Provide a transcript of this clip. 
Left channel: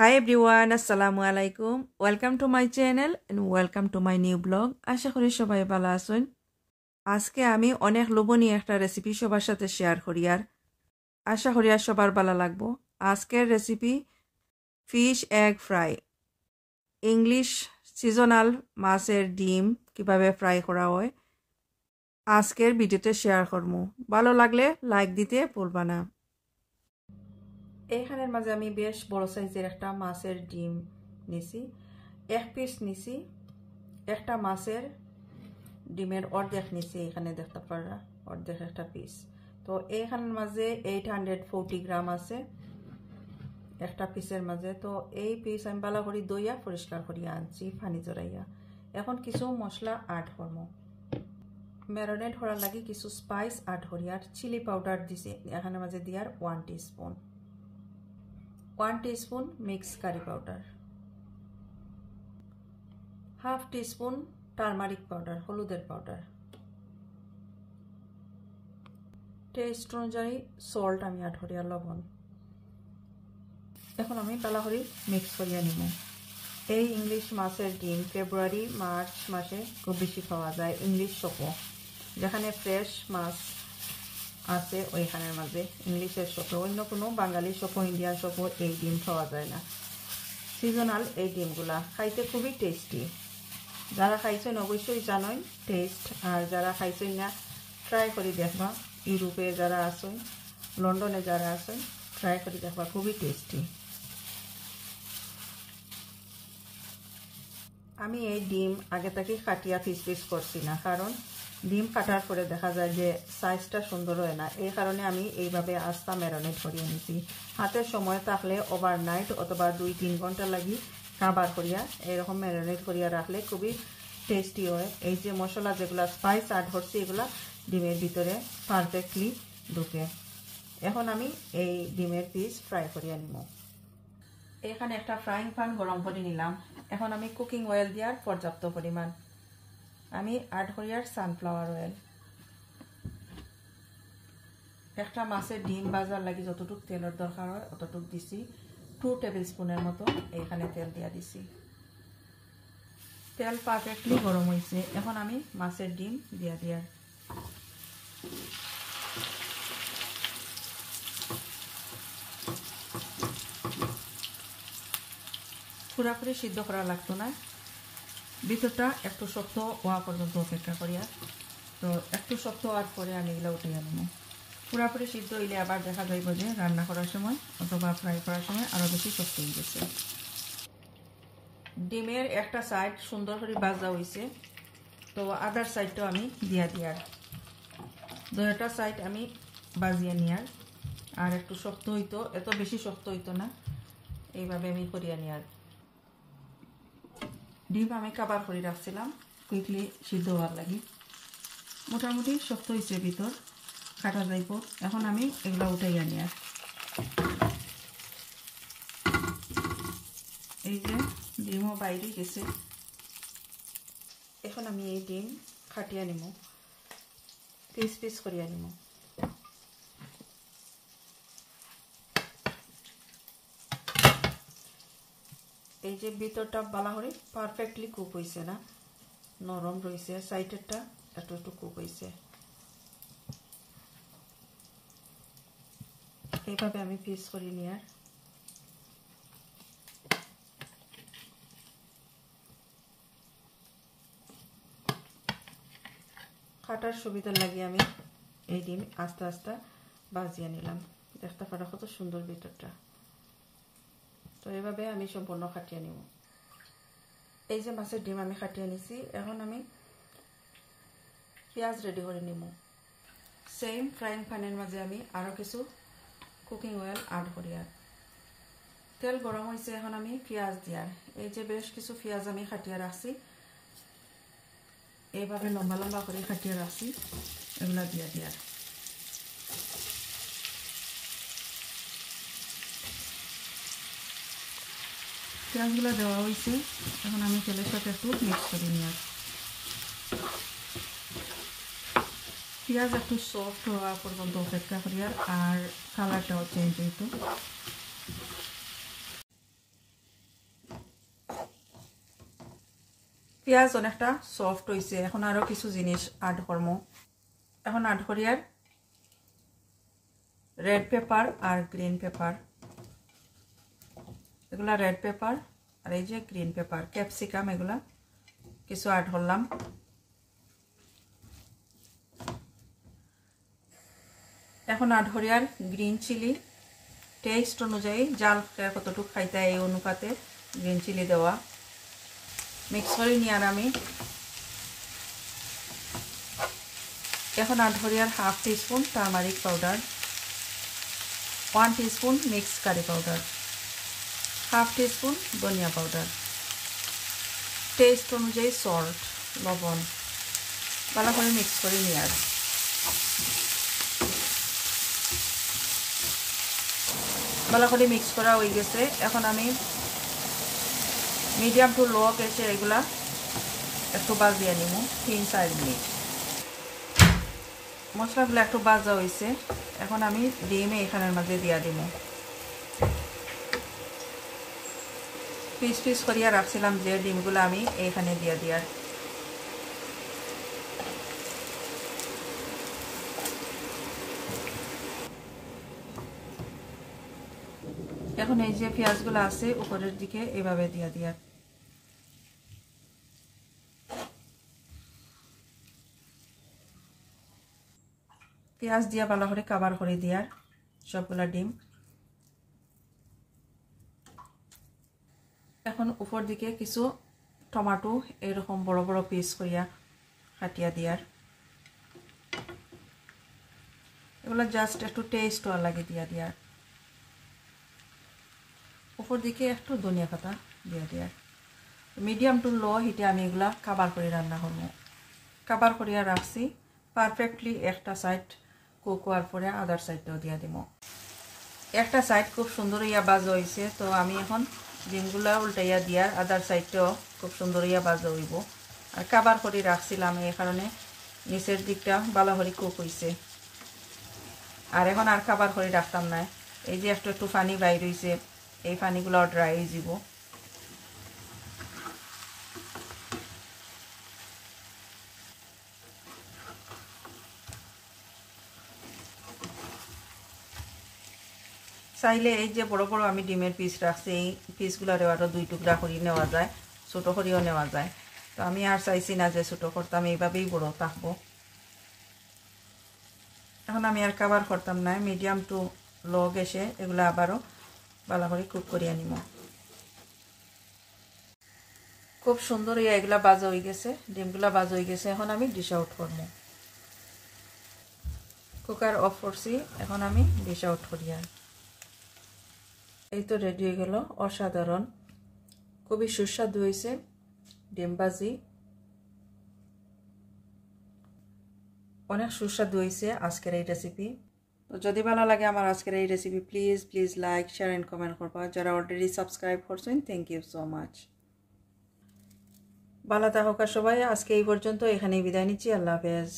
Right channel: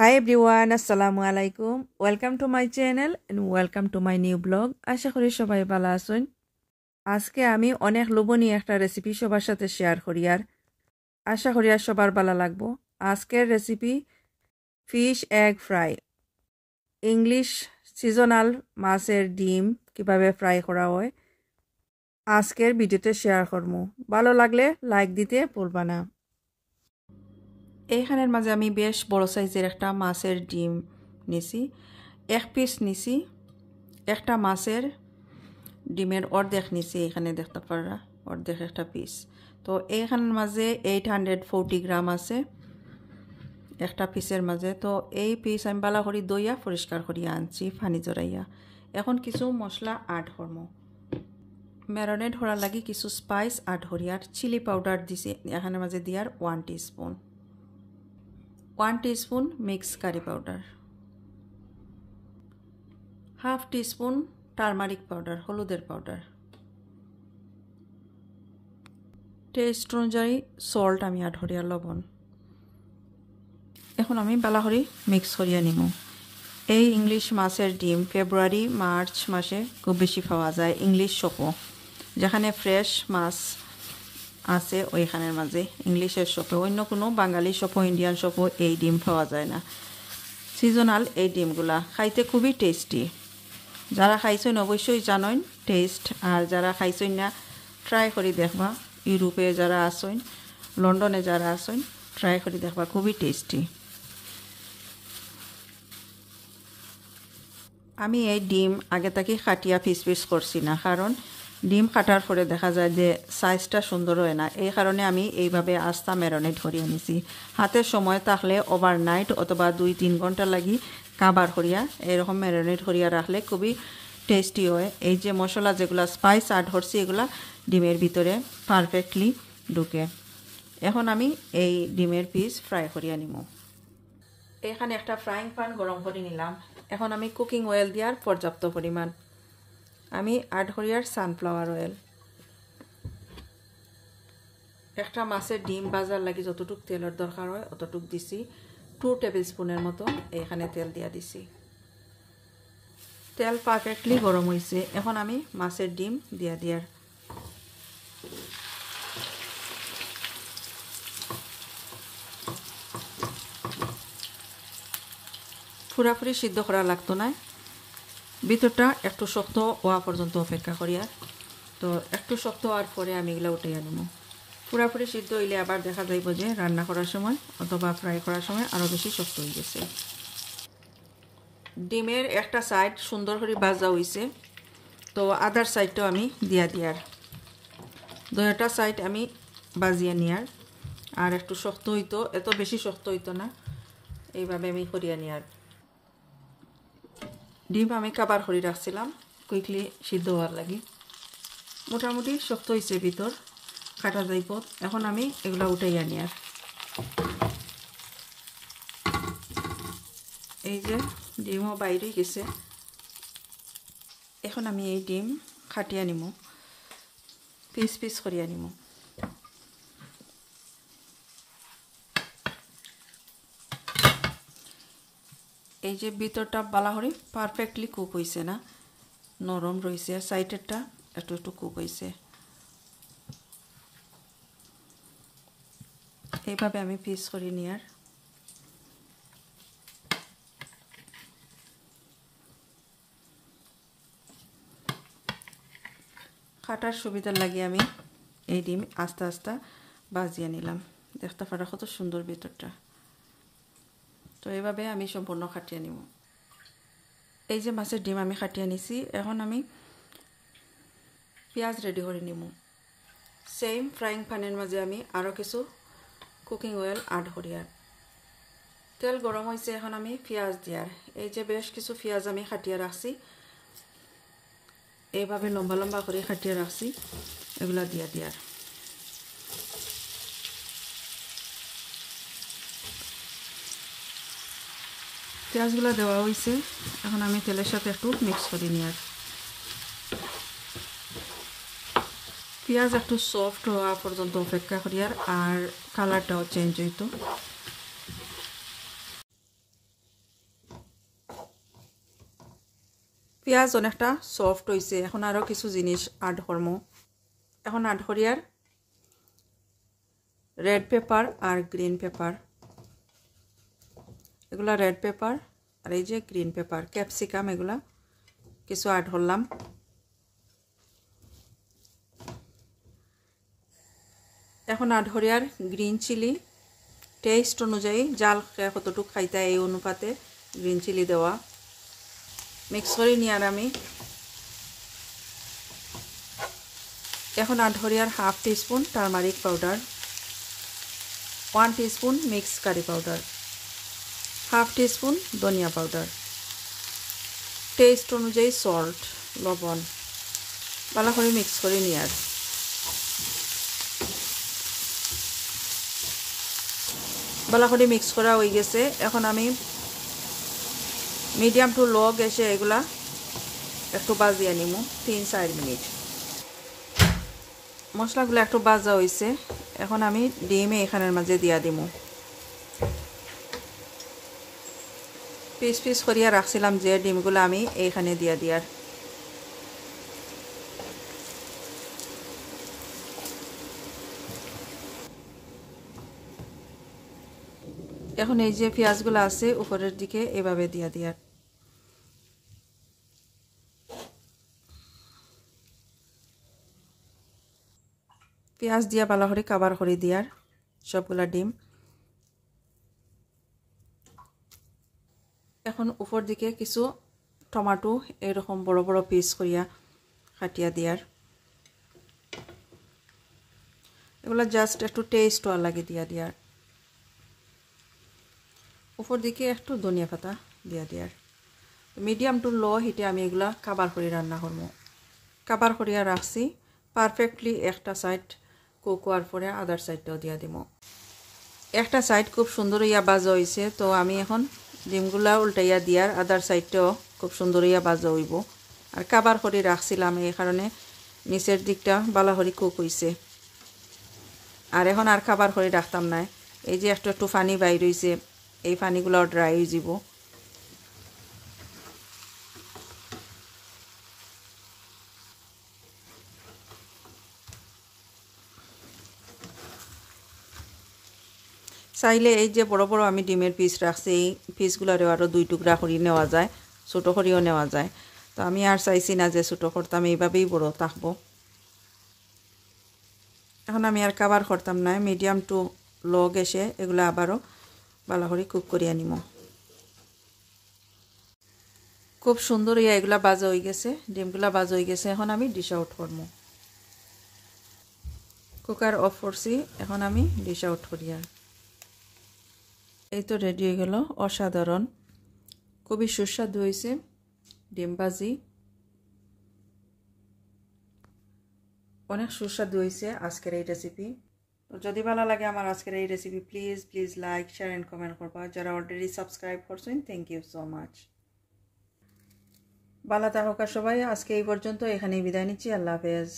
Hi everyone, assalamu alaikum. Welcome to my channel and welcome to my new blog. আশা করি সবাই ভালো আছেন। আজকে আমি অনেক লোভনীয় একটা রেসিপি সবার সাথে শেয়ার করি আর আশা করি সবার ভালো লাগবে। আজকের recipe fish egg fry. English seasonal মাছের ডিম কিভাবে ফ্রাই করা হয় আজকের ভিডিওতে শেয়ার করব। ভালো লাগলে লাইক দিতে ভুলবা না। এইখানের মাঝে আমি বেশ বড় সাইজের একটা মাছের ডিম নিছি, এক পিস নিছি, একটা মাছের ডিমের অর্ধেক নিছি, এখানে দেখতে পারা অর্ধেক একটা পিস। তো এইখানের মাঝে 840 গ্রাম আছে একটা পিসের মাঝে। তো এই পিস আমি ভালো করে দইয়া পরিষ্কার করিয়া আনছি পানি জড়াইয়া। এখন কিছু মশলা অ্যাড করব। ম্যারিনেট করার লাগি কিছু স্পাইস অ্যাড করি আর চিলি পাউডার দিছি এখানের মাঝে দিয়ার 1 teaspoon, 1 teaspoon mix curry powder, half teaspoon turmeric powder হলুদের পাউডার, টেস্ট অনুযায়ী সল্ট আমি অ্যাড করি আর লবণ। এখন আমি ভালো করে মিক্স করিয়া নিব। এই ইংলিশ মাছের ডিম ফেব্রুয়ারি মার্চ মাসে খুব বেশি পাওয়া যায় ইংলিশ শপও, যেখানে ফ্রেশ মাছ আছে ওইখানের মাঝে ইংলিশের শপে, অন্য কোনো বাঙালি শপও ইন্ডিয়ান শপও এই ডিম পাওয়া যায় না। সিজনাল এই ডিমগুলা খাইতে খুবই টেস্টি। যারা খাইছেন অবশ্যই জানেন টেস্ট, আর যারা খাইছেন না ট্রাই করে দেখবা। ইউরোপে যারা আসেন, লন্ডনে যারা আসেন ট্রাই করে দেখবা, খুবই টেস্টি। আমি এই ডিম আগে থেকে কাটিয়া পিস পিস করছি না, কারণ ডিম কাটার পরে দেখা যায় যে সাইজটা সুন্দর হয় না। এই কারণে আমি এইভাবে আস্তা ম্যারিনেট করিয়ে নিছি। হাতের সময় থাকলে ওভারনাইট অথবা 2-3 ঘন্টা লাগি কাবার করিয়া এরকম ম্যারিনেট করিয়া রাখলে খুবই টেস্টি হয়। এই যে মশলা যেগুলো স্পাইস অ্যাড করছি এগুলা ডিমের ভিতরে পারফেক্টলি ঢুকে। এখন আমি এই ডিমের পিস ফ্রাই করিয়া নিব। এখানে একটা ফ্রাইং প্যান গরম করে নিলাম। এখন আমি কুকিং অয়েল দেওয়ার পর্যাপ্ত পরিমাণ আমি অ্যাড করি আর সানফ্লাওয়ার অয়েল। একটা মাছের ডিম ভাজার লাগি যতটুক তেলের দরকার হয় অতটুক দিছি, 2 টেবিল স্পুনের মতো এখানে তেল দিয়া দিছি। তেল পারফেক্টলি গরম হয়েছে। এখন আমি মাছের ডিম দিয়া দিয়ার পুরাপুরি সিদ্ধ করা লাগতো না, ভিতরটা একটু শক্ত হওয়া পর্যন্ত অপেক্ষা করিয়া। তো একটু শক্ত হওয়ার পরে আমি এগুলো উঠাইয়া নেব। পুরাপুরি সিদ্ধ হইলে আবার দেখা যাইব যে রান্না করার সময় অথবা ফ্রাই করার সময় আরও বেশি শক্ত হয়ে গেছে। ডিমের একটা সাইড সুন্দর করে ভাজা হয়েছে, তো আদার সাইডটাও আমি দিয়া দিয়ার, দুইটা সাইড আমি ভাজিয়ে নিয়ার। আর একটু শক্ত হইতো, এত বেশি শক্ত হইতো না, এইভাবে আমি করিয়া নিয়ার। ডিম আমি কাবার করে রাখছিলাম কুইকলি সিদ্ধ হওয়ার লাগি। মোটামুটি শক্ত হয়েছে, ভিতর কাটা যাইব। এখন আমি এগুলো উঠাইয়া নিয়ার। এই যে ডিমও বাইরে গেছে। এখন আমি এই ডিম কাটিয়া নিব, পিস পিস করিয়া নিব। এই যে ভিতরটা বালা করে পারফেক্টলি কুক হয়েছে না, নরম রয়েছে, সাইডেরটা একটু একটু কুক হয়েছে। এইভাবে আমি পিস করে নিয়ার। কাটার সুবিধার লাগে আমি এই ডিম আস্তে আস্তে ভাজিয়ে নিলাম। দেখতে পারা কত সুন্দর ভিতরটা। তো এইভাবে আমি সম্পূর্ণ কাটিয়ে নিব। এই যে মাছের ডিম আমি কাটিয়ে নিছি। এখন আমি পেঁয়াজ রেডি করে নিব। সেম ফ্রাইং প্যানের মাঝে আমি আরও কিছু কুকিং অয়েল অ্যাড করি আর তেল গরম হয়েছে। এখন আমি পেঁয়াজ দিয়ার, এই যে বেশ কিছু পেঁয়াজ আমি কাটিয়ে রাখছি, এইভাবে লম্বা লম্বা করে কাটিয়ে রাখছি, এগুলা দিয়া দিয়ার। পেঁয়াজগুলো দেওয়া হয়েছে। এখন আমি তেলের সাথে একটু মিক্স করে নিয়ে পেঁয়াজ একটু সফট হওয়া পর্যন্ত অপেক্ষা করি আর কালারটাও চেঞ্জ হইতো। পেঁয়াজ অনেকটা সফট হয়েছে, এখন আরও কিছু জিনিস অ্যাড করবো। এখন অ্যাড করি আর রেড পেপার আর গ্রিন পেপার। এগুলা রেড পেপার আর এই যে গ্রিন পেপার, ক্যাপসিকাম, এগুলা কিছু অ্যাড করলাম। এখন অ্যাড করি আর গ্রিন চিলি, টেস্ট অনুযায়ী জাল কতটুকু খাইতে এই অনুপাতে গ্রিন চিলি দেওয়া। মিক্স করে নিয়ে আর আমি এখন অ্যাড করি আর half teaspoon turmeric powder, 1 teaspoon mix curry powder, half teaspoon ধনিয়া পাউডার, টেস্ট অনুযায়ী সল্ট, লবণ। ভালো করে মিক্স করে নিয়ে আর ভালো করে মিক্স করা হয়ে গেছে। এখন আমি মিডিয়াম টু লো গ্যাসে এগুলা একটু ভাজিয়ে নিব 3-4 মিনিট। মশলাগুলো একটু ভাজা হয়েছে, এখন আমি ডিম এখানের মাঝে দিয়া দিব। পিস পিস করিয়া রাখছিলাম যে ডিমগুলো আমি এইখানে দিয়া দিয়ার। এখন এই যে পেঁয়াজগুলো আছে উপরের দিকে এভাবে দিয়া দিয়ার। পেঁয়াজ দিয়া ভালো করে কাভার করে দিয়ার সবগুলা ডিম। এখন উপর দিকে কিছু টমেটো এরকম বড় বড় পিস করিয়া কাটিয়া দিয়ার। এগুলো জাস্ট একটু টেস্ট হওয়ার লাগে দিয়া দিয়ার। উপর দিকে একটু ধনিয়া পাতা দিয়া দিয়ার। মিডিয়াম টু লো হিটে আমি এগুলা কাভার করে রান্না করবো। কাভার করিয়া রাখছি পারফেক্টলি। একটা সাইড কুক হওয়ার পরে আদার সাইডটাও দিয়া দিব। একটা সাইড খুব সুন্দর ইয়া ভাজা হয়েছে, তো আমি এখন ডিমগুলা উল্টাইয়া দিয়ার আদার সাইডটাও খুব সুন্দর ইয়া ভাজা হইব। আর কাভার করে রাখছিলাম এই কারণে নিচের দিকটা ভালো করে কুক হয়েছে। আর এখন আর কাভার করে রাখতাম না। এই যে একটু একটু পানি বাইর হয়েছে, এই পানিগুলো ড্রাই হয়ে যাব। চাইলে এই যে বড় বড় আমি ডিমের পিস রাখছি, এই পিসগুলোরে আরও 2 টুকরা করে নেওয়া যায়, ছোটো করেও নেওয়া যায়। তো আমি আর চাইছি না যে ছোটো করতাম, এইভাবেই বড় থাকবো। এখন আমি আর কাভার করতাম না, মিডিয়াম টু লো গ্যাসে এগুলো আবারও ভালো করে কুক করিয়া নিব। খুব সুন্দর এগুলা ভাজা হয়ে গেছে, ডিমগুলা ভাজা হয়ে গেছে। এখন আমি ডিশ আউট করবো। কুকার অফ করছি, এখন আমি ডিশ আউট করিয়া। এই তো রেডি হয়ে গেল, অসাধারণ, খুবই সুস্বাদু হয়েছে ডিম ভাজি। অনেক সুস্বাদু হয়েছে আজকের এই রেসিপি। তো যদি ভালো লাগে আমার আজকের এই recipe, please please like, share and comment করবা। যারা অলরেডি সাবস্ক্রাইব করছেন, থ্যাংক ইউ সো মাচ। ভালো থাকুক সবাই। আজকে এই পর্যন্ত, এখানেই বিদায় নিচ্ছি। আল্লাহ হাফেজ।